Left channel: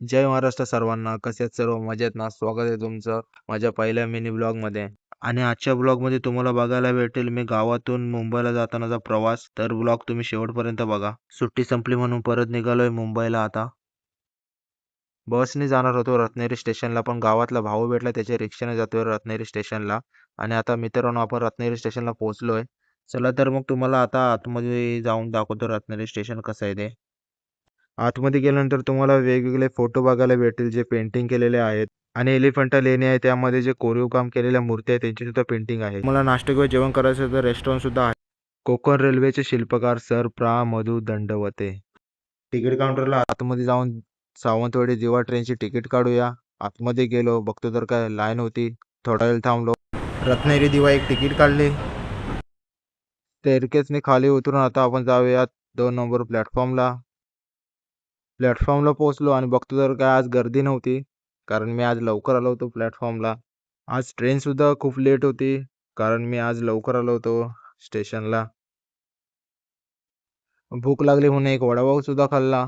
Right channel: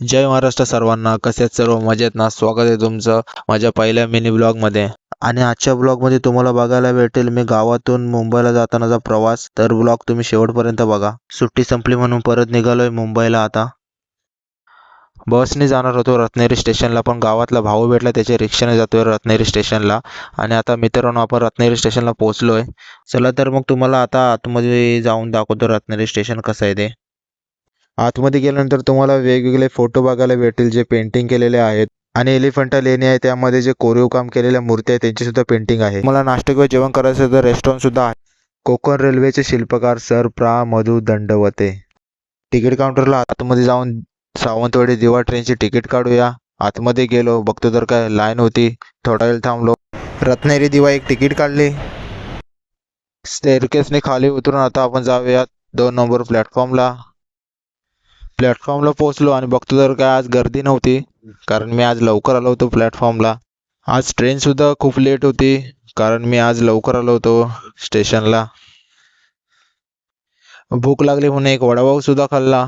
जय महाराष्ट्र सर्वांना. कसे आहेत सर्व? मजेत ना? स्वागत आहे तुमचं माझ्या पहिल्या मिनी ब्लॉगमध्ये. आणि आजच्या ब्लॉगमध्ये तुम्हाला बघायला भेटेल मी गावातून मुंबईला जातानाचा प्रवास. तर ब्लॉग तुम्ही शेवटपर्यंत बघा. सुट्टी संपली म्हणून परत निघालोय मुंबईला आता. बसने जाणार होतो रत्नागिरी स्टेशनला, पण गावातला भाऊ भेटला, त्याच्या रिक्षाने जातोय रत्नागिरी स्टेशनला. आणि आता मित्रांनो आपण रत्नागिरी स्टेशनला पोहोचलोय. चला तर मग तुम्हाला आता आतमध्ये जाऊन दाखवतो रत्नागिरी स्टेशन कसं आहे ते. आतमध्ये गेल्यानंतर तुम्हाला वेगवेगळे फोटो बघायला भेटेल जे पेंटिंग केलेले आहेत. आणि एलिफंटा लेणी आहे, त्यामध्ये जे कोरीव काम केलेल्या मूर्ती आहेत त्यांची सुद्धा पेंटिंग आहे. मला नाश्ता किंवा जेवण करायचं तर रेस्टॉरंट सुद्धा आहे. कोकण रेल्वेचे शिल्पकार सर प्रा मधु दंडवते. तिकीट काउंटरला आतमध्ये जाऊन सावंतवाडी दिवा ट्रेनची तिकीट काढूया. आतमध्ये गेलो, बघतो तर काय लाईन होती. थोडा वेळ थांबलो. रत्नागिरी दिवा एक तिकीट काढली. स्टेअरकेसने खाली उतरून आता आपण जाऊयात 2 नंबर प्लॅटफॉर्मला. प्लॅटफॉर्मला पोहोचलो आणि बघतो तर काय आज गर्दी नव्हती, कारण मी आज लवकर आलो होतो प्लॅटफॉर्मला. आज ट्रेनसुद्धा खूप लेट होती, कारण मी आज लवकर आलो होतो स्टेशनला. भूक लागली म्हणून एक वडापावसुद्धा खाल्ला.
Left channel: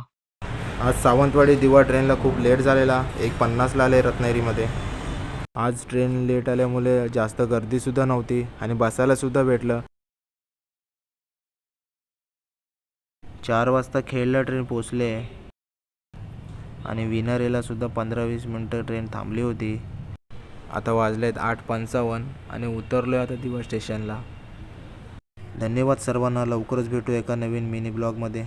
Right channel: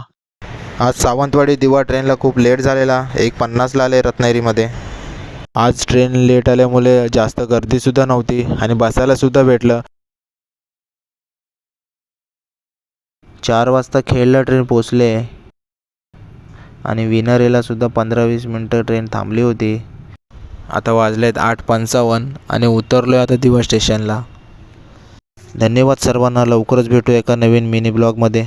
आज सावंतवाडी दिवा ट्रेनला खूप लेट झालेला, 1:50ला आले रत्नागिरीमध्ये. आज ट्रेन लेट आल्यामुळे जास्त गर्दीसुद्धा नव्हती आणि बसायलासुद्धा भेटलं. 4 वाजता खेडला ट्रेन पोचले आणि विनरेला सुद्धा 15-20 मिनटं ट्रेन थांबली होती. आता वाजलेत 8:55 आणि उतरलो आहे आता दिवा स्टेशनला. धन्यवाद सर्वांना. लवकरच भेटू एका नवीन मिनी ब्लॉगमध्ये.